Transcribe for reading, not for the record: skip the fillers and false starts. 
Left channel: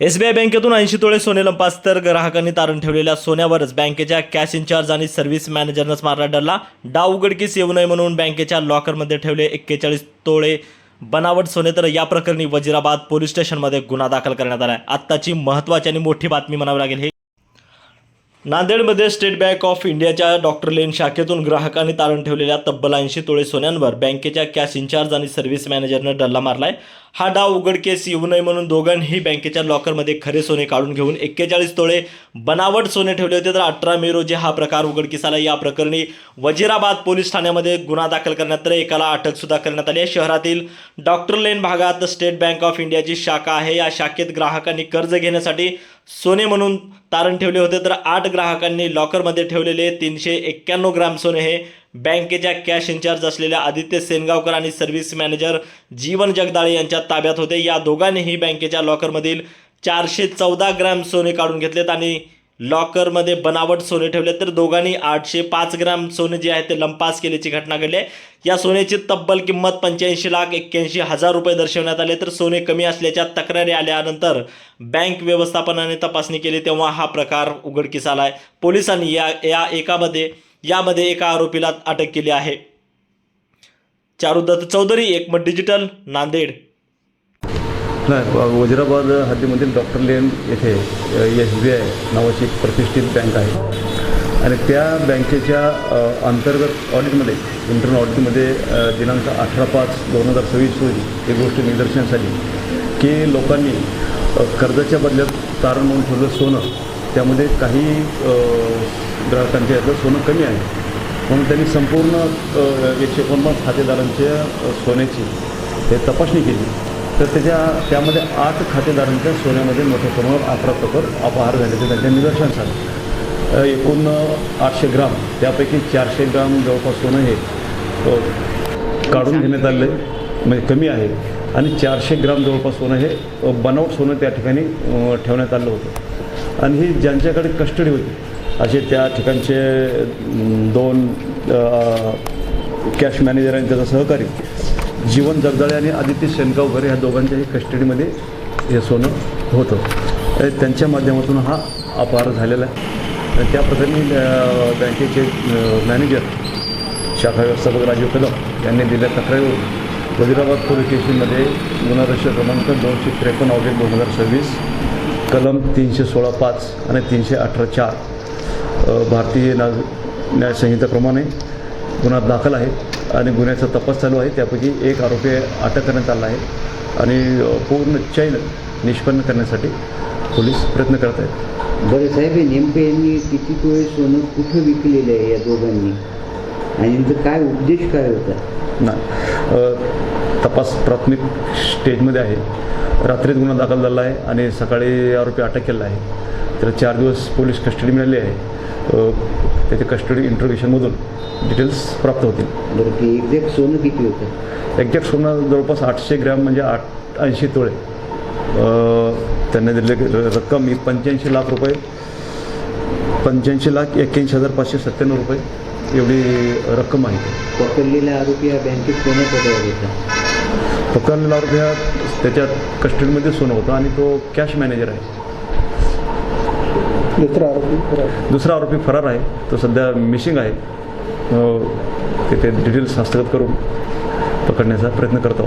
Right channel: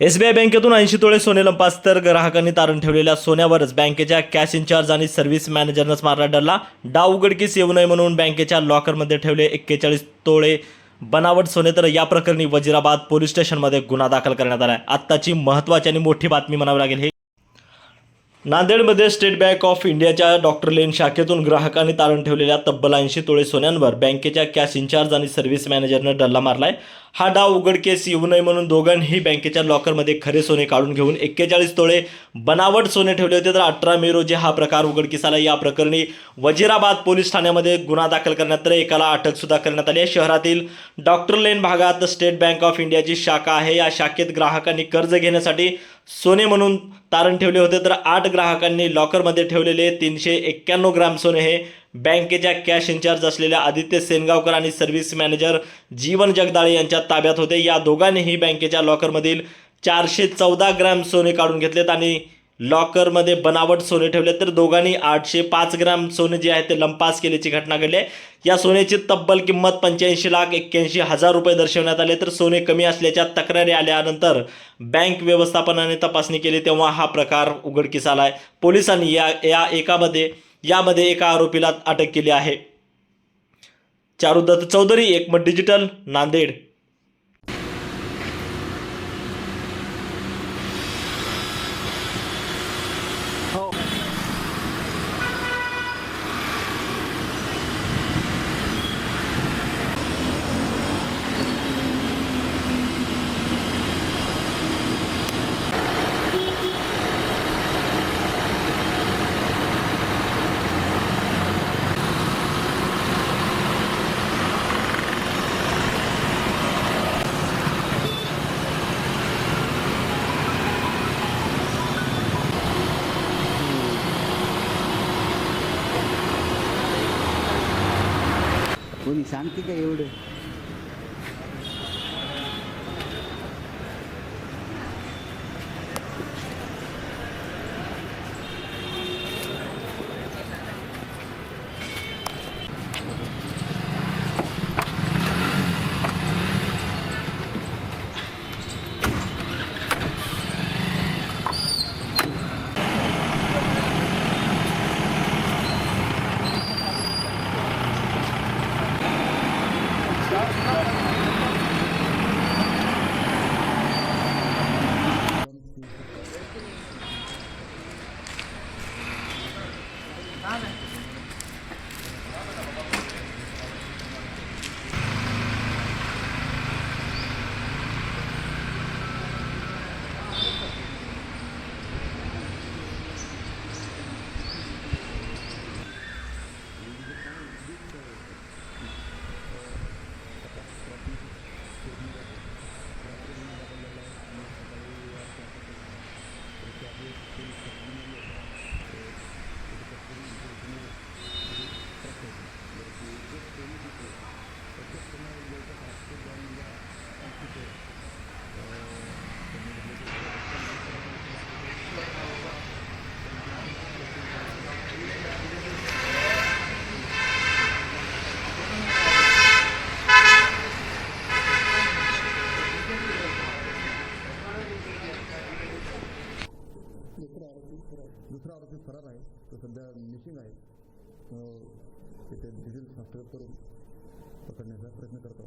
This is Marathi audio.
एसबीआय बँकेतून 80 तोळे सोने लंपास तर ग्राहकांनी तारण ठेवलेल्या सोन्यावरच बँकेच्या कॅश इन्चार्ज आणि सर्व्हिस मॅनेजरनंच मारला डल्ला। डाव उघडकीस येऊ नये म्हणून बँकेच्या लॉकरमध्ये ठेवले 41 तोळे बनावट सोने। तर या प्रकरणी वजिराबाद पोलीस स्टेशनमध्ये गुन्हा दाखल करण्यात आला आहे। आत्ताची महत्त्वाची आणि मोठी बातमी म्हणावी लागेल। हे नांदेडमध्ये स्टेट बँक ऑफ इंडियाच्या डॉक्टर लेन शाखेतून ग्राहकांनी तारण ठेवलेल्या तब्बल 80 तोळे सोन्यांवर बँकेच्या कॅश इन्चार्ज आणि सर्व्हिस मॅनेजरनं डल्ला मारलाय। हा डाव उघडकीस येऊ नये म्हणून दोघांनी बँकेच्या लॉकरमध्ये खरे सोने काढून घेऊन 41 तोळे बनावट सोने ठेवले होते। तर 18 मे रोजी हा प्रकार उघडकीस आला। या प्रकरणी वजिराबाद पोलीस ठाण्यामध्ये गुन्हा दाखल करण्यात तर एकाला अटक सुद्धा करण्यात आली आहे। शहरातील डॉक्टर लेन भागात स्टेट बँक ऑफ इंडियाची शाखा आहे। या शाखेत ग्राहकांनी कर्ज घेण्यासाठी सोने म्हणून तारण ठेवले होते। तर 8 ग्राहकांनी लॉकरमध्ये ठेवलेले 391 ग्राम सोने हे बँकेच्या कॅश इन्चार्ज असलेल्या आदित्य सेनगावकर आणि सर्व्हिस मॅनेजर जीवन जगदाळे यांच्या ताब्यात होते। या दोघांनीही बँकेच्या लॉकरमधील 414 ग्राम सोने काढून घेतलेत आणि लॉकरमध्ये बनावट सोने ठेवले। तर दोघांनी 805 ग्राम सोने जे आहे ते लंपास केल्याची घटना घडली आहे। या सोन्याची तब्बल किंमत 85,81,000 रुपये दर्शवण्यात आले। तर सोने कमी असल्याच्या तक्रारी आल्यानंतर बँक व्यवस्थापनाने तपासणी केली तेव्हा हा प्रकार उघडकीस आला आहे। पोलिसांनी यामध्ये एका आरोपीला अटक केली आहे। चारुदत्त चौधरी, एकमत डिजिटल, नांदेड। नाही, वजिराबाद हद्दीमधील डॉक्टर लेन येथे SBI नावाची प्रतिष्ठित बँक आहे आणि त्या बँकेच्या अंतर्गत ऑडिटमध्ये इंटरनल ऑडिटमध्ये दिनांक 18/5/2024 एक गोष्ट निदर्शनास आली की लोकांनी कर्जाच्या बदल्यात तारण म्हणून ठेवलं सोनं, त्यामध्ये काही ग्राहकांचे याचं सोनं कमी आहे म्हणून त्यांनी संपूर्ण 150 खातेदारांच्या सोन्याची हे तपासणी केली। तर त्यामध्ये 8 खातेदारांच्या सोन्यामध्ये मोठ्या प्रमाणावर 18 प्रकार अपहार झाल्याचे त्यांच्या निदर्शनास आले। एकूण 800 ग्राम, त्यापैकी 400 ग्राम जवळपास सोनं हे काढून घेण्यात आले, म्हणजे कमी आहे, आणि 400 ग्राम जवळपास सोनं हे बनावट सोनं त्या ठिकाणी ठेवण्यात आलं होतं। आणि ही ज्यांच्याकडे कस्टडी होती असे त्या ठिकाणचे 2 कॅश मॅनेजरांच्या सहकारी जीवन जगदाळे आणि आदित्य सेनगावकर या दोघांच्याही कस्टडीमध्ये हे सोनं होतं। त्यांच्या माध्यमातून हा अपहार झालेला आहे। त्या प्रकारे बँकेचे मॅनेजर शाखा व्यवस्थापक राजीव कदम यांनी दिल्या तक्रारी वजिराबाद पोलीस स्टेशनमध्ये गुन्हा रजिस्टर क्रमांक 253/2026 कलम 316(5) आणि 318(4) भारतीय न्याय संहितेप्रमाणे गुन्हा दाखल आहे आणि गुन्ह्याचा तपास चालू आहे। त्यापैकी एक आरोपी अटक करण्यात आला आहे आणि पूर्ण चैन निष्पन्न करण्यासाठी पोलीस प्रयत्न करत आहेत। बरं साहेब, नेमकं यांनी किती तोळे सोनं कुठं विकलेलं आहे या दोघांनी आणि यांचा काय उद्देश काय होता? नाही, तपास प्राथमिक स्टेजमध्ये आहे। रात्रीत गुन्हा दाखल झाला आहे आणि सकाळी आरोपी अटक केला आहे। तर 4 दिवस पोलीस कस्टडी मिळाली आहे। त्याच्या कस्टडी इंट्रोगेशनमधून डिटेल्स प्राप्त होतील। बरं, ते एक्झॅक्ट सोनं किती होतं? एक्झॅक्ट सोनं जवळपास 800 ग्रॅम म्हणजे 80 तोळे। त्यांनी दिलेली रक्कम ही 85 लाख रुपये, 85,81,597 रुपये एवढी रक्कम आहे। पकडलेला आरोपी या बँकेत सोनं पकडला होता? पकडलेला आरोपी हा त्याच्या कस्टडीमध्ये सोनं होतं आणि तो कॅश मॅनेजर आहे। दुसरा आरोपी फरार आहे, तो सध्या मिसिंग आहे। तिथे डिटेल्स हस्तगत करून पकडण्याचा प्रयत्न करतो।